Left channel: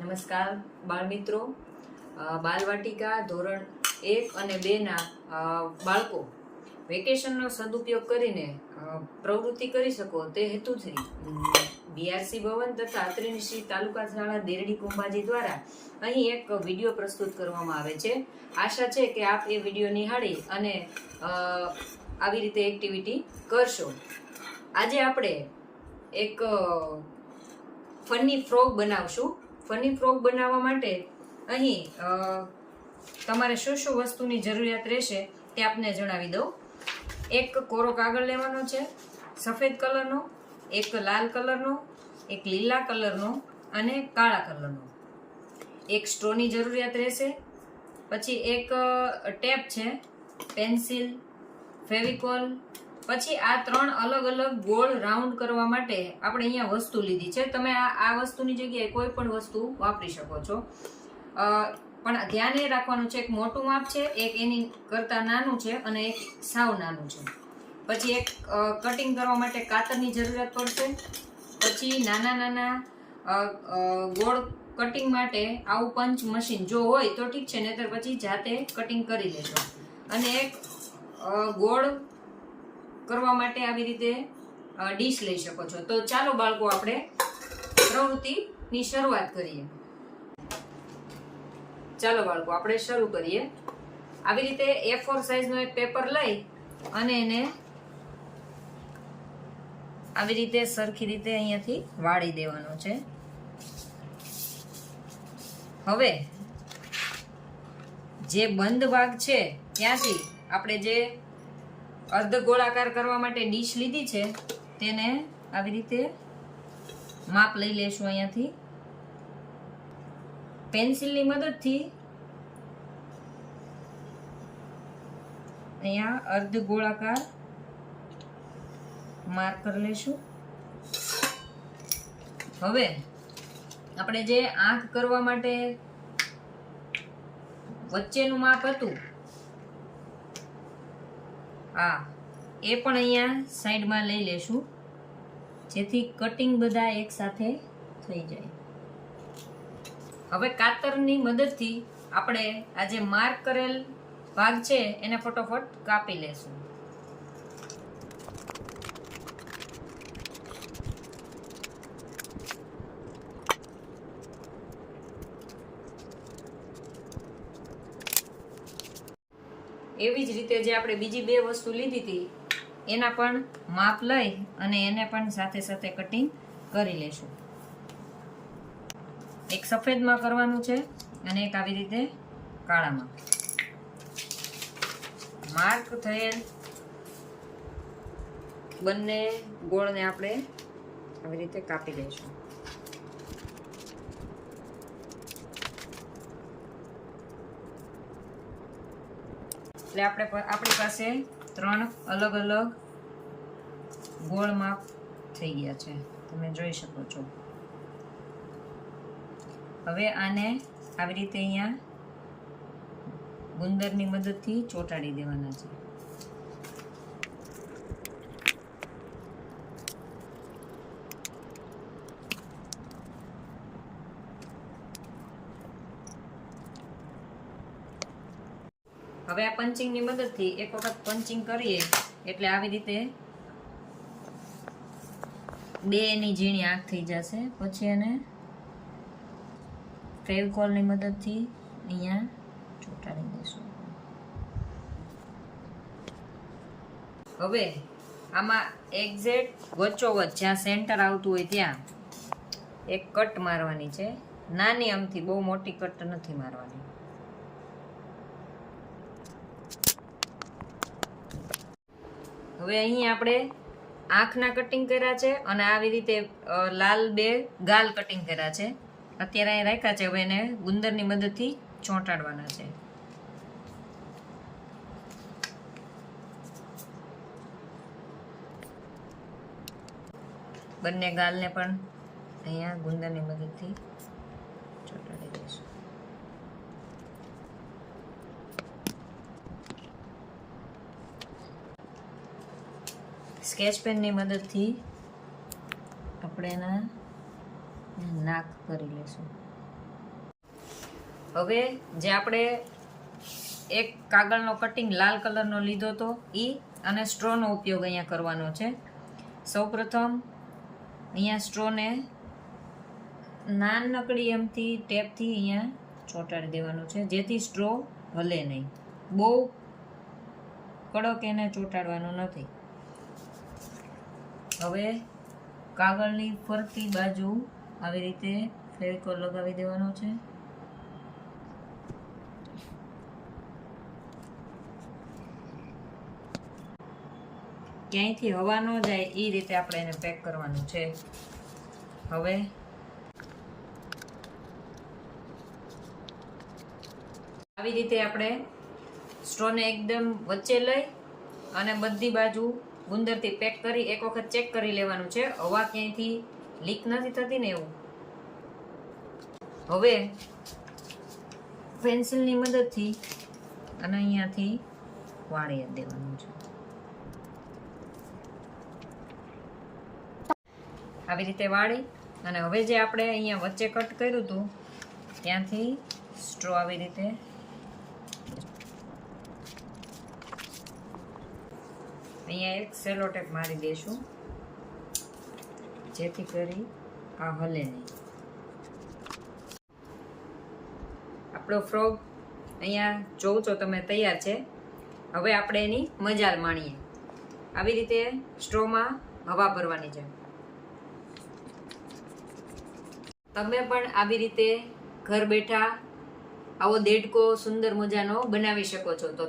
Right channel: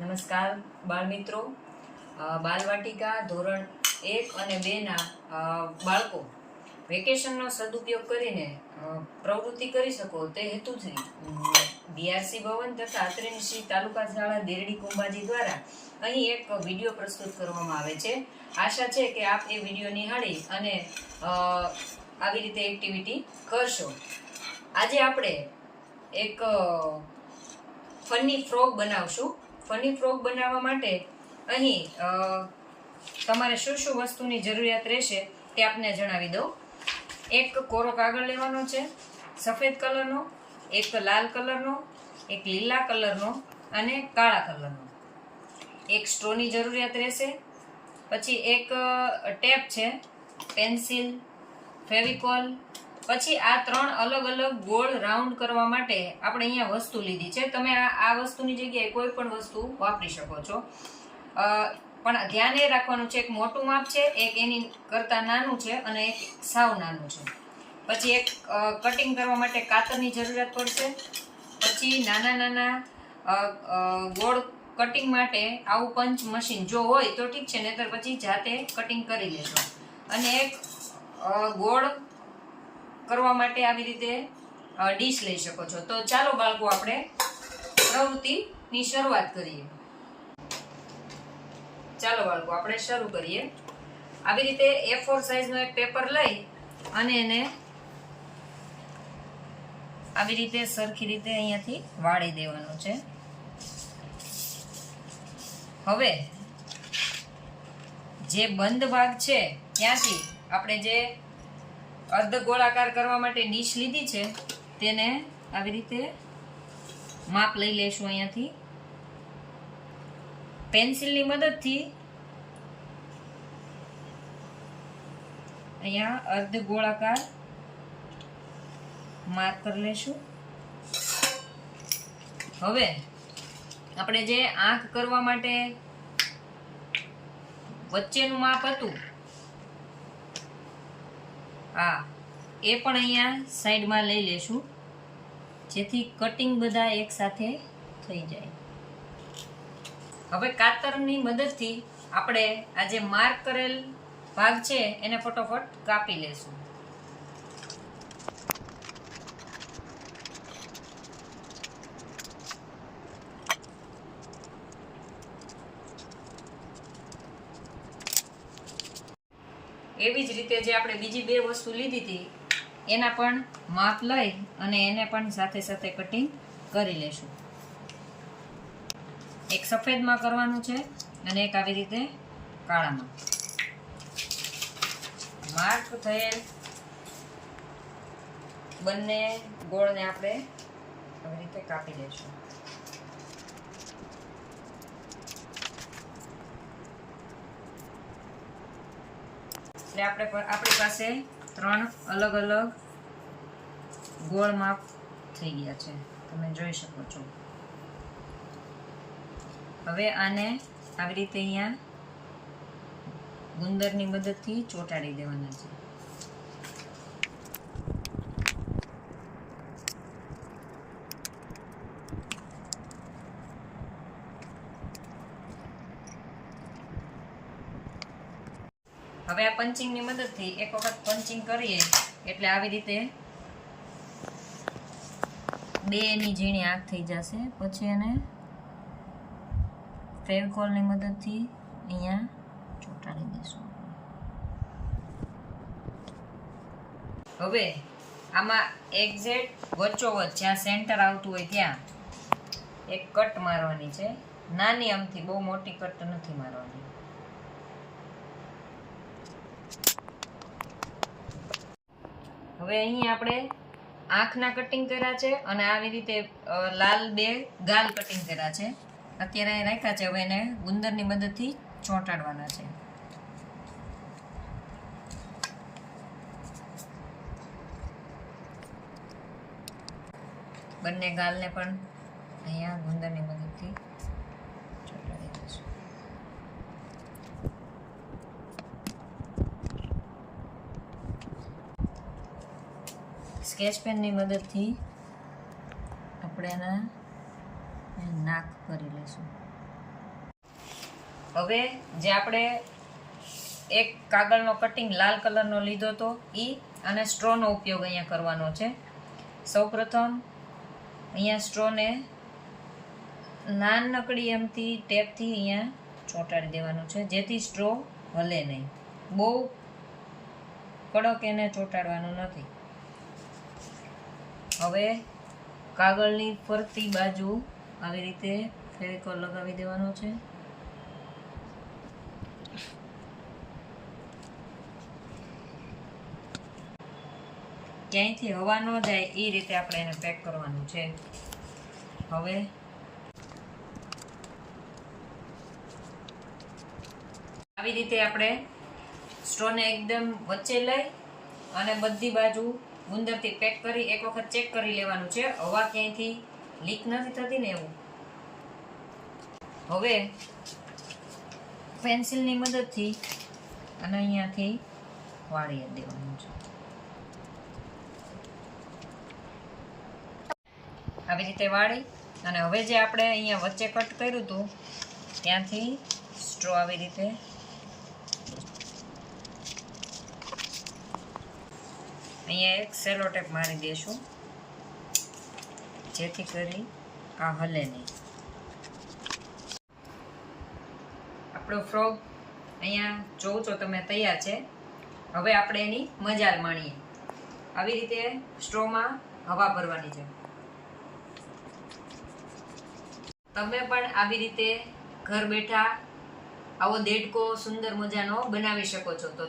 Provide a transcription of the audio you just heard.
નમસ્કાર બાળમિત્રો. બાલવાટિકા ધોરણ 1 અને 2ના બાળકો વેકેશનનો સદુપયોગ કરીને પ્રવૃત્તિ કરી શકો તે હેતુથી બીઆરસી ભવન તથા અત્રેની તાલુકા શાળા દેરડી કુંભાજી દ્વારા અહીં એક વિડીયો પ્રસ્તુત કરવામાં આવે છે. આશા છે કે આપ એ વિડીયો નિહાળી અને આવી રીતે એક્ટિવિટી કરશો. આજે આપણે એક ફની ફ્રોગ બનાવશું. ફની ફ્રોગ બનાવવા માટે અહીં તમારે શું શું વસ્તુની જરૂરિયાત રહેશે તે આપને જણાવી દઉં. એક કોરો કાગળ લેવાનો છે, સફેદ કલરનો, એક લાલ કલરનો, એક લીલા કલરનો અને કાળા કલરનો. એક સ્ટ્રોની જરૂરિયાત રહેશે. પછી એક ટેપ છે, પેન્સિલ, ફેવિકોલ. પછી આ 3 અલગ અલગ ગોળ રાઉન્ડ કરવા માટે આપણે અહીંયા વસ્તુ લીધી છે. તમે આ વસ્તુની જગ્યાએ કોઈ પણ વસ્તુ વાપરી શકો છો, પણ ધ્યાન એ રાખવાનું છે એક મોટું માપ છે, એક એની કરતાં નાનું છે અને એક સાવ નાનું છે. પછી એક કટિંગ કરવા માટે કાતરની જરૂરિયાત પડશે. પછી નાના નાના ગોળ કટિંગ માટે આવું પંચ મશીન જો હોય તો ઠીક છે, નહીતર પછી જાતે કટિંગ કરી લેજો. અને એક ગોળ કરવા માટે આવી રીતે ડીશ લઈ શકો છો. તો ચાલો બાળકો આપણે પ્રવૃત્તિની શરૂઆત કરીએ. ચાલો બાળકો આપણે શરૂ કરીએ. આવી રીતે A4 સાઈઝનો એક પેપર લઈ અને એને આવી રીતે સરખી રીતે અહીંયાથી વાળી દેવાનો છે. હવે જે બંધ ભાગ છે ત્યાંથી આપણે જે અર્ધ ગોળાકાર કરવા માટે ડીશ લીધી છે તેને આવી રીતે માપ લઈ લેશું. અહીંયાથી પેન્સિલની મદદથી અહીંયા અર્ધ ગોળાકાર માર્ક કરી લેશું. હવે આપણે જે આંખ કરવા માટે વચ્ચેનું માપ હતું એ પણ અહીંયા સાઈડમાં લઈ લેશું, જેથી કટિંગ બધા એક સાથે થઈ જાય. હવે કાતરની મદદથી આપણે આ જે માર્ક કરેલ ભાગ છે એને ફટોફટ કાપી લેશું. એવી જ રીતે જે આપણે બીજી 2 વસ્તુ લીધી હતી એના પણ માપ લઈ અને એને પણ સાથે સાથે કટિંગ કરી લેશું. એક સફેદમાં કરવાનું છે અને એક આવી રીતે કાળામાં. માર્ક થયેલ બંને ગોળને આપણે આવી રીતે કાપી લઈશું. એટલે આપણી પાસે 3 અલગ અલગ ગોળ માપ થઈ ગયા છે, તમે જોઈ શકો છો. હવે આને આવી રીતે અહીંયા ગુંદરની મદદથી ચોંટાડી દેવાના છે. હવે આ પંચિંગની મદદથી એક વખત પંચિંગ કરીએ એટલે આવી રીતે 2ની ઝીણી આંખ થઈ જશે. પછી એને ફેવિકોલની મદદથી અહીંયા ચોંટાડી દઈશું. હવે આમાં એક્ઝેક્ટ વચ્ચોવચ્ચ જ્યાં સેન્ટર આવતું હોય ત્યાં એક કટ મારવાની છે, નાની આમથી, બહુ મોટી કટ નથી મારવાની. હવે અહીં આપણે આંખના કટિંગ કર્યા છે અને આવી રીતે લાલ 2 ગાલ કટિંગ કર્યા છે. અત્યારે અહીં રાખ્યા છે. હવે એને ગુંદરની મદદથી ચોંટાડવાના છે. બંને ગાલને પણ અહીંયા ગુંદરની મદદથી ચોંટાડી દઈશું. સ્કેચ પેનની મદદથી આપણે એના નાક કરી લઈશું. હવે જે આપણે એક કાગળનો કટિંગ લાલ કલરનો લીધો હતો એ અને સ્ટ્રોનો ઉપયોગ અહીંયા કરવાનો છે. સૌપ્રથમ અહીંયા સ્ટ્રોને નાનકડી એમથી ટેપથી અહીંયા ચોંટાડી દેવાનું છે, જેથી સ્ટ્રો હલે નહીં. બહુ કડક એને ચોંટાડવાનું નથી. હવે કાગળની ફરતી બાજુ આવી રીતે ફેવિકોલ લગાવી દેવાનો છે. ક્યાંયથી હવા ન જાય એ રીતે આપણે એને પેક કરવાનું છે. હવે આવી રીતે આપણે સ્ટ્રોને એકદમ વચ્ચે લઈ અને બધી બાજુ ગુંદરથી પેક કરી એક વખત ચેક કરી લેવાનું છે, હવા ક્યાંયથી લીક નથી થતી ને એવું. હવે પેન્સિલની મદદથી અને અહીંયાથી વાળી દેવાનું છે. આવી રીતે વાળી અને હવે જે આપણે અહીંયા વચ્ચે કટ કર્યું હતું ત્યાંથી સ્ટ્રો આવી રીતે અહીંયા એક સેલો ટેપ મારી દઈશું, જેથી કરી આ હલે નહીં. આપણો ફ્રોગ અહીંયા જોઉં છો તમે તૈયાર છે. હવે આપણે એની મજા માણીએ. આવી રીતે સ્ટ્રોમાં હવા ભરવાની છે. તમે પણ આવી રીતે ઘર બેઠા આવો દેડકો સુંદર મજાનો બનાવી શકો છો. તો